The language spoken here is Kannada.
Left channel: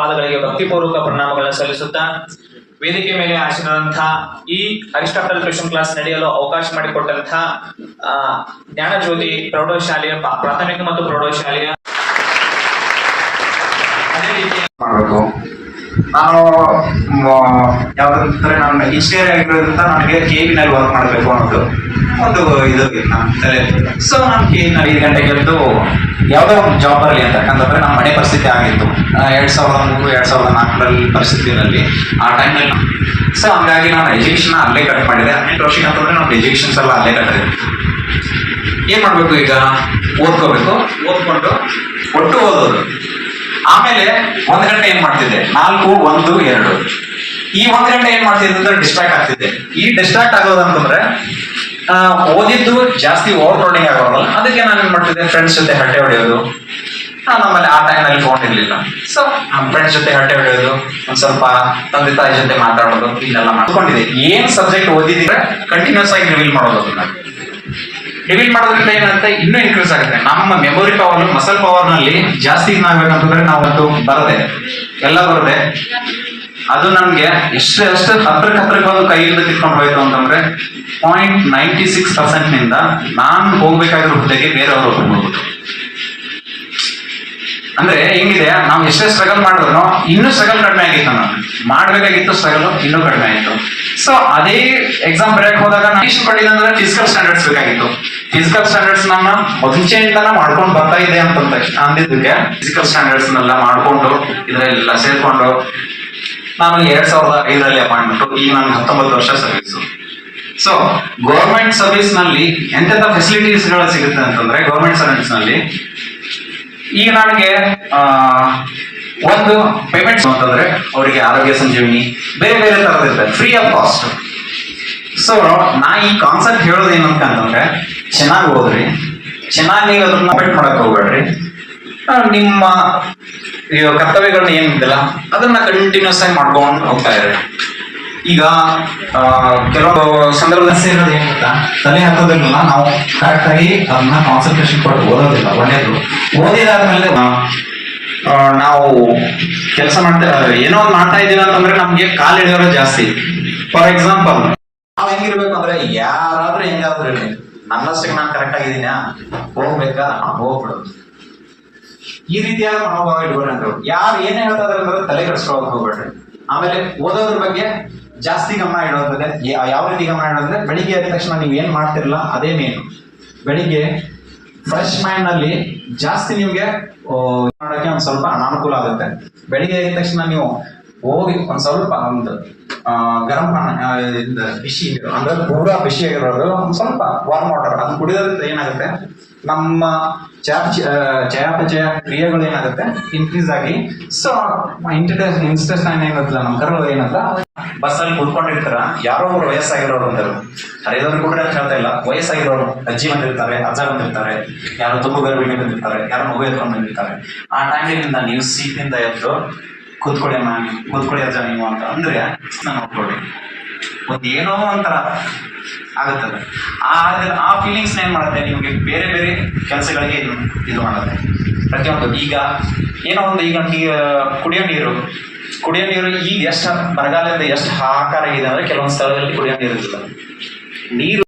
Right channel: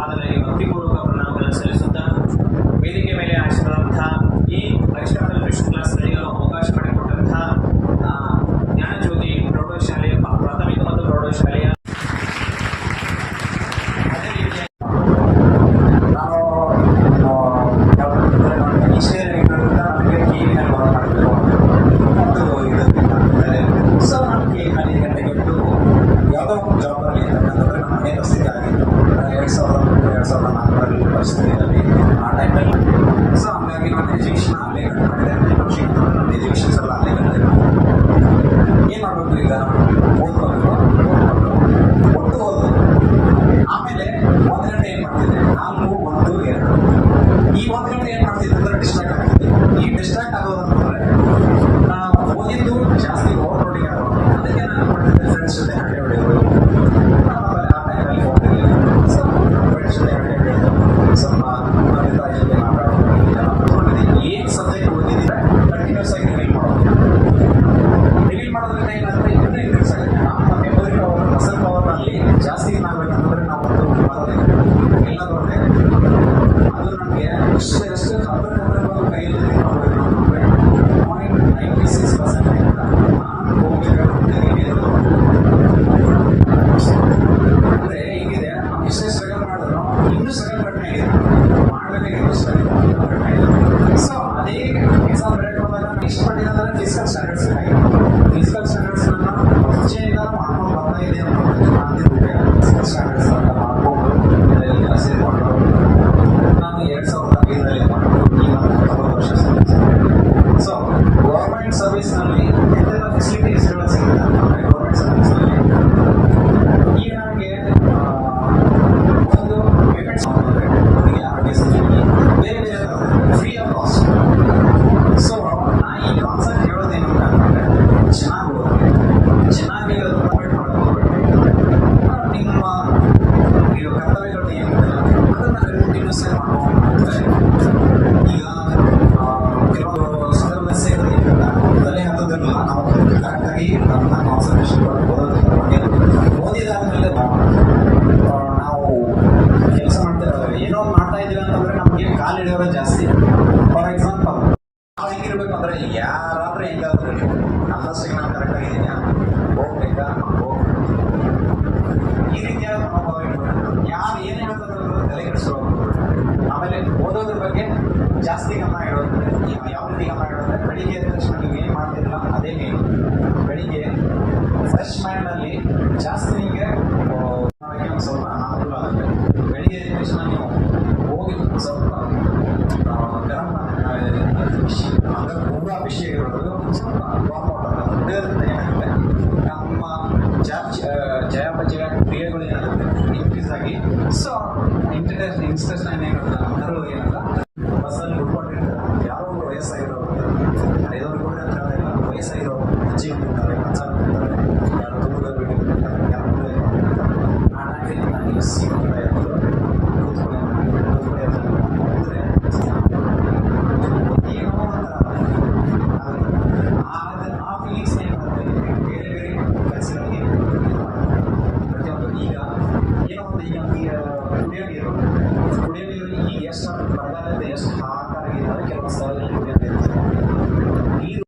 ಪಾದಗಳಿಗೆ ಭಕ್ತಿಪೂರ್ವಕ ಪ್ರಣಾಮಗಳನ್ನು ಸಲ್ಲಿಸುತ್ತಾ ವೇದಿಕೆ ಮೇಲೆ ಆಸೀನರಾದಂತಹ ಈ ಅರಿಸ್ಟಾಟಲ್ ಟ್ಯೂಷನ್ ಕ್ಲಾಸ್ ನಡೆಯಲು ಅವಕಾಶ ಮಾಡಿಕೊಟ್ಟಂತಹ ಜ್ಞಾನಜ್ಯೋತಿ ಪ್ರೌಢಶಾಲೆಯ ಪ್ರಾಥಮಿಕ ಮತ್ತು ಪ್ರೌಢಶಾಲೆಯ ಅದೇ ರೀತಿ ನಾನು ಯಾವ್ದಂದ್ರೆ ನಾನು ಇಂಜಿನಿಯರ್ ಆಗಿರೋದ್ರಿಂದ ನನಗೆ KEB-ನಲ್ಲಿ ವರ್ಕ್ ಮಾಡಬೇಕು ಅನ್ನೋದು ಒಂದು ಇದು ನನ್ನ ತಲೆ. ಸೊ ನಾನು KEB-ನಲ್ಲಿ 5 ಗಂಟೆಗೆ ಎದ್ದು ಯಾವುದೋ ಒಂದು ಜಾಬ್ ಬರಲಿ ಅಂತ. ಯಾಕಂತಂದ್ರೆ ನಮ್ಮ ಮನೆ ಪರಿಸ್ಥಿತಿ ಆಗಿತ್ತು 2003-2004 ಪರಿಸ್ಥಿತಿನಲ್ಲಿ ಆ ಟೈಮಲ್ಲಿ. ಸೊ ಹಂಗಾಗಿ ನಾನು ಎಜುಕೇಷನ್ ಅಲ್ಲೇ ಕಟ್ ಮಾಡಿದೆ. 18 ವರ್ಷಕ್ಕೆ ಅಂತಂದ್ರೆ ನಮ್ಮ ಎಜುಕೇಷನ್ಸ್ ಎಲ್ಲ ಅಲ್ಲೇ ಕಟ್ಟಿದೆ. ಏನು ಮಾಡಬೇಕು ಈಗ? ಓದ್ಕೋಬೇಕು, ಓದ್ಕೊಂಡು ಒಟ್ಟು ಓದೋದು. ಆಮೇಲೆ 1 ಗಂಟೆ ಏನು ಮಾಡ್ತಿದ್ದೆ? 4, 1, 2 ಈ 1 ಗಂಟೆ ಏನು ಮಾಡ್ತಿದ್ದೆ ಅಂದ್ರೆ ಡಿಸ್ಟ್ರಾಕ್ಟ್ ಆಗ್ತಿದ್ದೆ. ಈ ಡಿಸ್ಟ್ರಾಕ್ಟ್ ಆಗೋದಂತಂದ್ರೆ ಓದಿದ್ದು ಜಾಸ್ತಿ ಓವರ್ಲೋಡಿಂಗ್ ಆಗೋಲ್ಲ. ಅದಕ್ಕೆ ನಾನು ಏನು ಮಾಡ್ತಿದ್ದೆ? ಫ್ರೆಂಡ್ಸ್ ಜೊತೆ ಹಟ್ಟೆ ಹೊಡೆಯೋದು. ನಮ್ಮಲ್ಲಿ ಆ ಟೈಮ್ನಲ್ಲಿ ಫೋನ್ ಇರಲಿಲ್ಲ. ಸೊ ನಮ್ಮ ಫ್ರೆಂಡ್ಸ್ ಜೊತೆ ಹಟ್ಟೆ ಹೊಡೆಯೋದು, ಸ್ವಲ್ಪ ತಂದೆ ತಾಯಿ ಜೊತೆ ಮಾತಾಡೋದು, ಇದೆಲ್ಲ ಮಾಡ್ಕೊಂಡಿದ್ದೆ. ಏನು ಸಬ್ಜೆಕ್ಟ್ ಓದಿದ್ರೆ ಕಂಟಿನ್ಯೂಸ್ ಆಗಿ ರಿವೀಲ್ ಮಾಡೋದು. ರಿವೀಲ್ ಮಾಡೋದ್ರಿಂದ ಏನಂತ ಇನ್ನೂ ಇನ್ಕ್ರೀಸ್ ಆಗುತ್ತೆ. ನಮ್ಮ ಮೆಮೊರಿ ಪವರ್, ಮಸಲ್ ಪವರ್ನಲ್ಲಿ ಜಾಸ್ತಿ ಏನಾಗಬೇಕಂತಂದ್ರೆ ನಾವು ಅದು ಬರದೆ ಎಲ್ಲ ಬರದೆ ಅದು ನಮಗೆ ಅಷ್ಟು ಹತ್ರಕ್ಕೆ ಬಂದು ಕೈಯಿಂದ ತಿಳ್ಕೊಂಡು ಹೋಯ್ತು ಅಂತಂದ್ರೆ 0.96%ನಿಂದ ನಾನು ಹೋಗ್ಬೇಕಾಗಿರೋ ಹುದ್ದೆಗೆ ಬೇರೆಯವರು ಹೋಗ್ಬೋದು. ಅಂದ್ರೆ ಹೆಂಗಿದೆ, ನಾವು ಎಷ್ಟೇ ಸ್ಟ್ರಗಲ್ ಮಾಡಿದ್ರು ಇನ್ನೂ ಸ್ಟ್ರಗಲ್ ಕಡಿಮೆ ಆಗಿತ್ತು. ನಾನು ಮಾಡಬೇಕಾಗಿತ್ತು ಸ್ಟ್ರಗಲ್ ಇನ್ನೂ ಕಡಿಮೆ ಆಗಿತ್ತು. ಸೊ ಅದೇ ಎಕ್ಸಾಮ್ ಬರೆಯಕ್ಕೆ ಹೋದಾಗ ನಾನು ಇಷ್ಟಪಟ್ಟಿದ್ದೆ ಅಂದ್ರೆ ಫಿಸಿಕಲ್ ಸ್ಟ್ಯಾಂಡರ್ಡ್ಸ್ ಬೇಕಾಗಿತ್ತು. ಫಿಸಿಕಲ್ ಸ್ಟ್ಯಾಂಡರ್ಡ್ಸ್ ನನ್ನ ಮುಂಚೆಯಿಂದನೇ ಮಾಡ್ಕೊಂಡು ಬರ್ತಾ ಇದೆ ಅಂದಿದ್ದಕ್ಕೆ ಫಿಸಿಕಲ್ ಸ್ಟ್ಯಾಂಡರ್ಡ್ಸ್ನೆಲ್ಲ ಮಾಡಿಕೊಂಡು ಇದರೆಲ್ಲ ಸೇರ್ಕೊಂಡು ನಾನು 2005ರಲ್ಲಿ ಅಪಾಯಿಂಟ್ಮೆಂಟು. ಈಗ ನಾನು 19 ವರ್ಷ ಸರ್ವಿಸ್. ಸೊ ಗೌರ್ಮೆಂಟ್ ಸರ್ವಿಸ್ನಲ್ಲಿ ಎಂತೆಂಥ ಫೆಸಿಲಿಟೀಸ್ಗಳು ಸಿಗುತ್ತೆ ಅಂತಂದ್ರೆ, ಗೌರ್ಮೆಂಟ್ ಸರ್ವಿಸ್ನಲ್ಲಿ ಈಗ ನನಗೆ ಒಂದು ಪೇಮೆಂಟ್ಸ್ ಅಂತಂದ್ರೆ ಅವರಿಗೆ ಆರೋಗ್ಯ ಸಂಜೀವಿನಿ ಬೇರೆ ಬೇರೆ ಥರದಿರುತ್ತೆ, ಫ್ರೀ ಆಫ್ ಕಾಸ್ಟ್. ಸೊ ನಾ ಈ ಕಾನ್ಸೆಪ್ಟ್ ಹೇಳೋದು ಏನಂತಂದ್ರೆ, ಚೆನ್ನಾಗಿ ಓದ್ರಿ, ಚೆನ್ನಾಗಿ ನೀವು ಅದನ್ನ ಬೆಟ್ ಮಾಡಕ್ಕೆ ಹೋಗ್ಬೇಡ್ರಿ. ನಿಮ್ಮ ಕರ್ತವ್ಯಗಳನ್ನ ಏನಿದೆಯಲ್ಲ ಅದನ್ನ ಕಂಟಿನ್ಯೂಸ್ ಆಗಿ ಮಾಡ್ಕೊಂಡು ಹೋಗ್ತಾ ಇರ್ರಿ. ಈಗ ಕೆಲವು ಸಂದರ್ಭದಲ್ಲಿ ಸೇರೋದು ಏನಿಲ್ಲ, ತಲೆ ಹಾಕೋದ್ರಲ್ಲ ನಾವು ಕರೆಕ್ಟಾಗಿ ಅದನ್ನ ಕಾನ್ಸಂಟ್ರೇಷನ್ ಕೊಟ್ಟು ಓದೋದಿಲ್ಲ. ಒಳ್ಳೆಯದು ಓದಿದಾದ್ಮೇಲೆ ನಾವು ಕೆಲಸ ಏನೋ ಒಂದು ಮಾಡ್ತಾ ಇದ್ದೀವಿ ಅಂತಂದ್ರೆ ನಮಗೆ ಕಾಲು ಹಿಡಿಯೋರು ಜಾಸ್ತಿ. ಫಾರ್ ಎಕ್ಸಾಂಪಲ್ ನಾವು ಹೆಂಗಿರ್ಬೇಕು ಅಂದ್ರೆ, ಯಾರಾದ್ರೂ ಹೆಂಗಾದ್ರೂ ಇರಲಿ, ನನ್ನಷ್ಟಕ್ಕೆ ನಾನು ಕರೆಕ್ಟ್ ಆಗಿದ್ದೀನ, ಹೋಗ್ಬೇಕಾ ಹೋಗ್ಬಿಡೋದು. ಈ ರೀತಿಯಾದ ಮನೋಭಾವ ಇಟ್ಕೊಂಡ್ರು. ಯಾರು ಏನೇ ಹೇಳ್ತಾ ಇದಾರೆ ಅಂದ್ರೆ ತಲೆ ಕೆಡಿಸ್ಕೊಳಕ್ ಹೋಗ್ಬೇಡ್ರಿ. ಆಮೇಲೆ ಓದೋದ್ರ ಬಗ್ಗೆ ಜಾಸ್ತಿ ಗಮನ ಇಡೋದ್ರೆ, ಯಾವ ರೀತಿ ಗಮನ ಇಡೋದ್ರೆ, ಬೆಳಿಗ್ಗೆ ಎದ್ದ ತಕ್ಷಣ ನೀವು ಏನು ಮಾಡ್ತಿರಲ್ಲ ಅದೇ ಮೇನು. ಬೆಳಿಗ್ಗೆ ಫ್ರೆಶ್ ಮೈಂಡ್ನಲ್ಲಿ ಜಾಸ್ತಿ ನಿಮಗೆ ಮಾಡೋಕ್ಕೆ ಒಂದು ಸ್ವಲ್ಪ ಅನಾನುಕೂಲ ಆಗುತ್ತೆ. ಬೆಳಿಗ್ಗೆ ಎದ್ದ ತಕ್ಷಣ ನೀವು ಹೋಗಿ ಒಂದು ಸ್ವಲ್ಪ ಒಂದು ಗರಂ ಬಿಸಿ ಅಂದರೆ ಪೂರಾ ಬಿಸಿಯಾಗಿರೋದು ಒಂದು ಸ್ವಲ್ಪ ವಾರ್ಮ್ ವಾಟರ್ ಅದು ಕುಡಿಯೋದ್ರಿಂದ ಏನಾಗುತ್ತೆ, ನಮ್ಮ ಚಯಾಪಚಯ ಕ್ರಿಯೆಗಳು ಏನಾಗುತ್ತೆ ಇನ್ಕ್ರೀಸ್ ಆಗಿ. ಸೊ ಇನ್ಸ್ಟೆಸ್ಟೈನ್ ಏನಾಗುತ್ತೆ, ನಮ್ಮ ಕರಳು ಏನಂತ ಬಸ್ಸಲ್ಲಿ ಕೂತ್ಕೊಂಡಿರ್ತಾರ, ಯಾರೋ ಒಬ್ರು ವಯಸ್ಸಾಗಿರೋರು ಅಂತಾರೆ. ಹರಿದವ್ರಿಗೆ ಕೂಡ ಹೇಳ್ತಾ ಇಲ್ಲ, ವಯಸ್ಸಾಗಿರೋರು ಅಜ್ಜಿ ಬಂದಿರ್ತಾರೆ, ಅಜ್ಜ ಬಂದಿರ್ತಾರೆ, ಯಾರೋ ತುಂಬು ಗರ್ಭಿಣಿ ಬಂದಿರ್ತಾರೆ, ಯಾರೋ ಮಗು ಎತ್ಕೊಂಡು ಬಂದಿರ್ತಾರೆ. ಆ ಟೈಮಿನಿಂದ ನೀವು ಸೀಟಿಂದ ಎದ್ದು ಕೂತ್ಕೊಳ್ಳಿ ಅಜ್ಜ ನೀವು ಅಂತ ಅಂದರೆ ನಾನು ನೋಡ್ಕೊಳ್ಳಿ ಒಂದು ಏನೋ ಒಂಥರ ಆಗುತ್ತದೆ. ಆ ಫೀಲಿಂಗ್ಸ್ ಏನು ಮಾಡುತ್ತೆ, ನಿಮಗೆ ಬೇರೆ ಬೇರೆ ಕೆಲಸಗಳಿಗೆ ಇದು ಮಾಡುತ್ತೆ. ಪ್ರತಿಯೊಂದು ಈಗ ಏನೋ ಒಂದು ಈಗ ಕುಡಿಯೋ ನೀರು ಈಗ ಎಷ್ಟು ಬರಗಾಲದಿಂದ ಎಷ್ಟು ಹಾಕಾರ ಆಗಿದೆ ಅಂದರೆ ಕೆಲವೊಂದು ಸ್ಥಳದಲ್ಲಿ ಕುಡಿಯೋ ನೀರು